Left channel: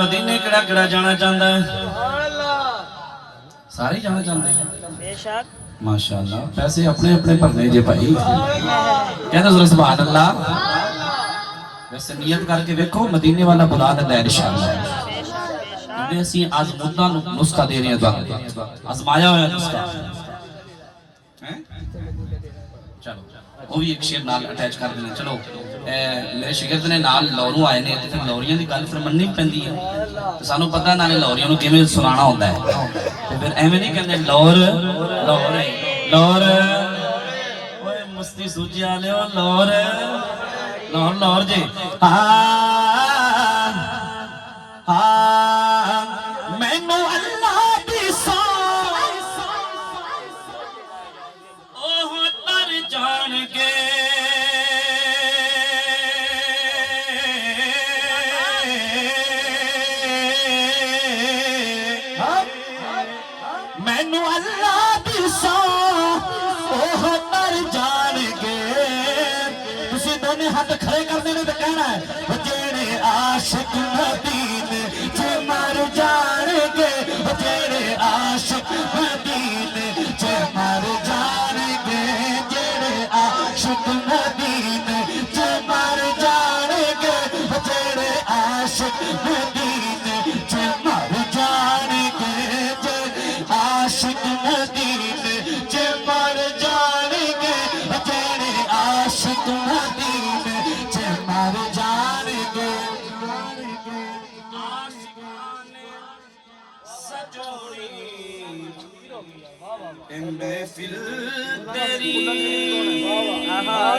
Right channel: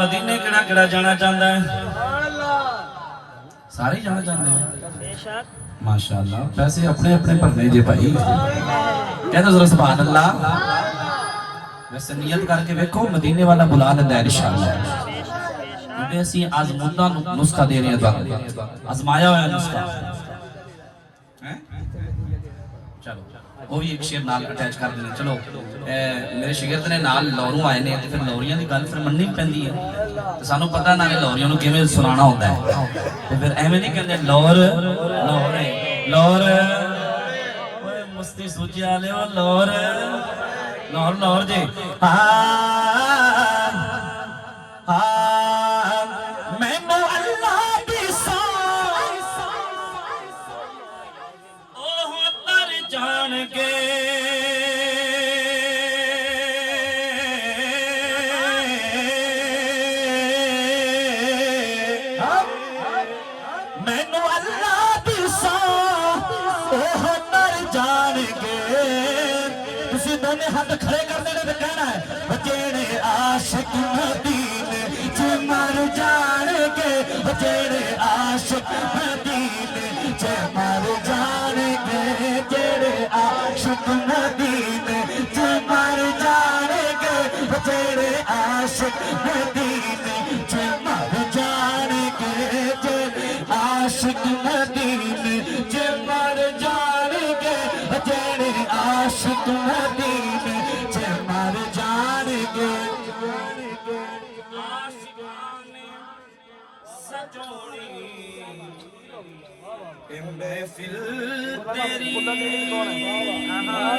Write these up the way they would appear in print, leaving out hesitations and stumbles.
मदीने केड़ा केड़ा जाना चाहता है? सारे जाना चाहते हैं माशाअल्लाह। पैसे अपने अपने भरने जे भाई, कहना जरा सुभान अल्लाह। वैसे नियत करके देखो, मदीने वाला बुला लेंदा है इंशाअल्लाह। ਅਸੀਂ ਆਜ਼ਮੂਦਾ ਨੁਸਖਾ ਦੇ ਰਹੇ ਹਾਂ, आजमाया होया नुस्खा है। चलो वो भी एक शेर नाल अटैच कर देना। चलो मेरे शिगिर्द ने नाल लौरू आए ने, फिर लौरियां की गल फिर मननी पैंदी है। सानू पता नाले लौरियां नूं किवें सुनाना होंदा है, ते फिर एवें नहीं कहंदे लौर लौर लौर मस्ती सूजी वाले लौर लौर लौर जे मैनू अल्लाह दी सौ ओह तर जान के मैनू अल्लाह दी सौ ओह तर जान के। तुसी दोने हाथ खड़े कर देने तो कहना है जेड़े आशिक मदीने च मर जाणगे, जेड़े आशिक मदीने च मर जाणगे, जेड़े आशिक मदीने च मर जाणगे, जेड़े आशिक मदीने च मर जाणगे, जेड़े आशिक मदीने च मर जाणगे, जेड़े आशिक मदीने च मर जाणगे। महफिल तेरी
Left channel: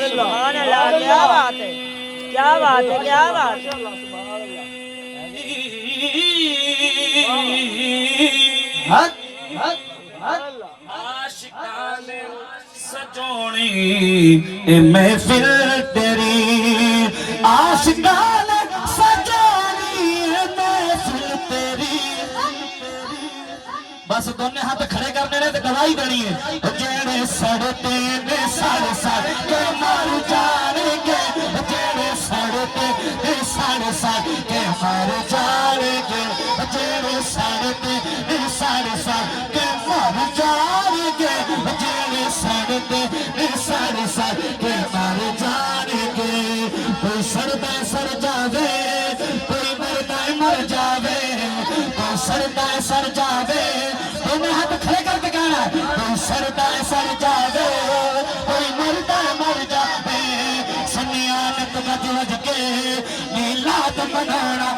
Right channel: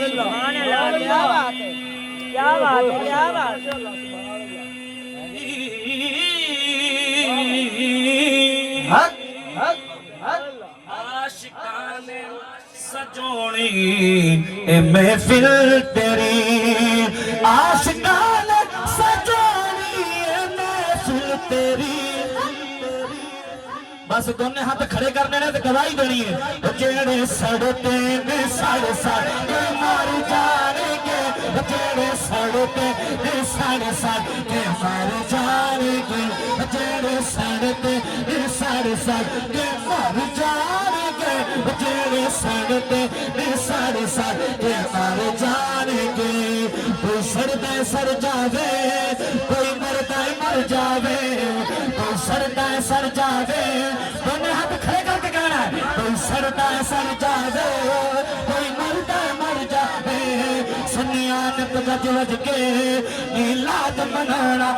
सुभान अल्लाह, क्या बात है, क्या बात है, क्या बात है। आशिकाने सजोनी ए महफिल तेरी, आशिकाने सजोनी ए महफिल तेरी। बस दोनों हाथ खड़े करने ने तो गवाही देनी है। जेड़े सड़ते ने सड़ सड़ के मर जाएंगे, जेड़े सड़ते ने सड़ सड़ के मर जाएंगे, जेड़े सड़ते ने सड़ सड़ के मर जाएंगे, जेड़े सड़ते ने सड़ सड़ के मर जाएंगे। कोई सड़ता सड़ जावे, कोई मरता मर जावे, कोई सड़ता सड़ जावे, दोनों हाथ खड़े करके कहना कोई सड़ता सड़ जावे, कोई मरता मर जावे। सुनियान गज गज के नीलाद मनाना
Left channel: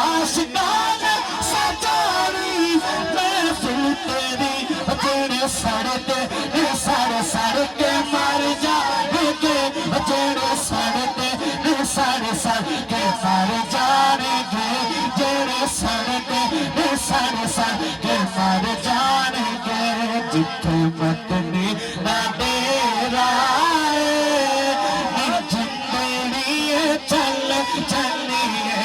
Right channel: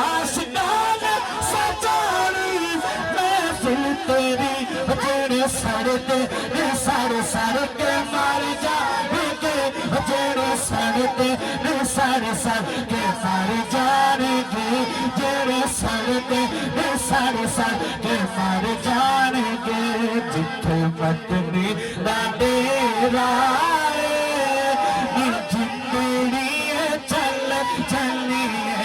आशिकान सजानी महफिल तेरी, जेड़े सड़ते सड़ सड़ के मर जाएंगे, जेड़े सड़ते सड़ सड़ के मर जाएंगे, जेड़े सड़ते सड़ सड़ के मर जाएंगे। जिथे मदनी दा डेरा जिंदड़ी चल चलिए,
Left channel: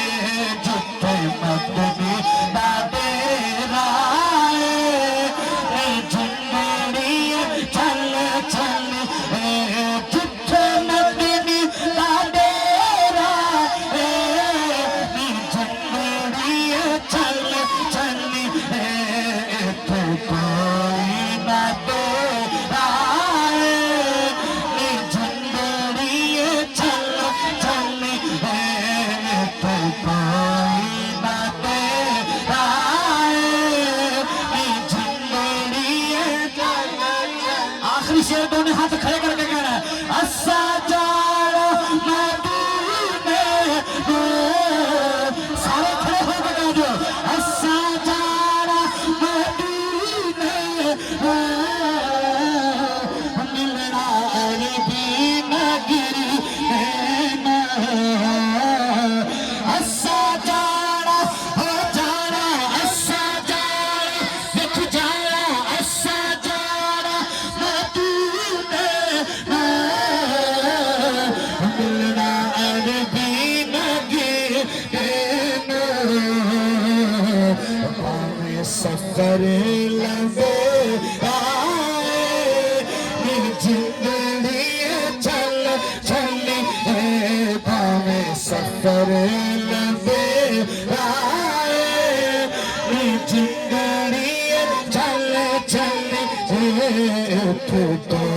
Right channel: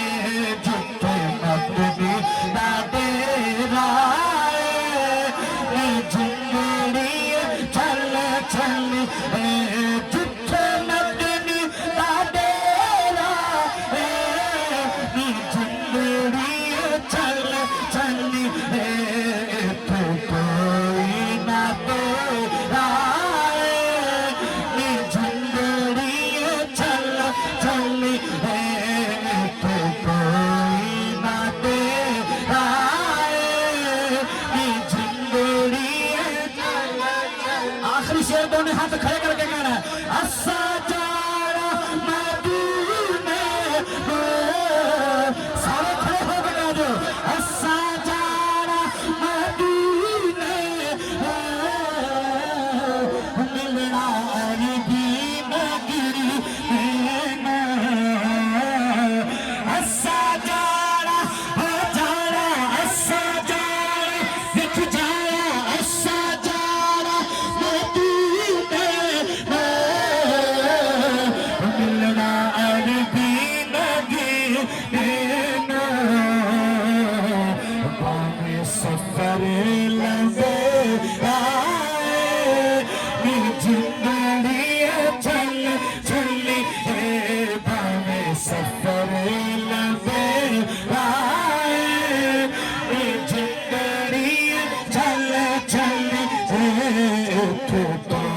जिथे मदनी दा डेरा जिंदड़ी चल चल, जिथे मदनी दा डेरा जिंदड़ी चल चली, कोई ना तेरा जिंदड़ी चल चली, कोई ना तेरा जिंदड़ी। आखिरी शेर दोनों हाथ खड़े करके कहना असा जाना मदीने, सारे खड़े होकर कह दो असा जाना मदीने, मिलना भी नगी, असा जाना असा जाना दिख जाना, असा जाना मदीने, मिलना भी नगी। सफर लंबे आए जिंदड़ी चल चल भावे सफर लंबे छूटे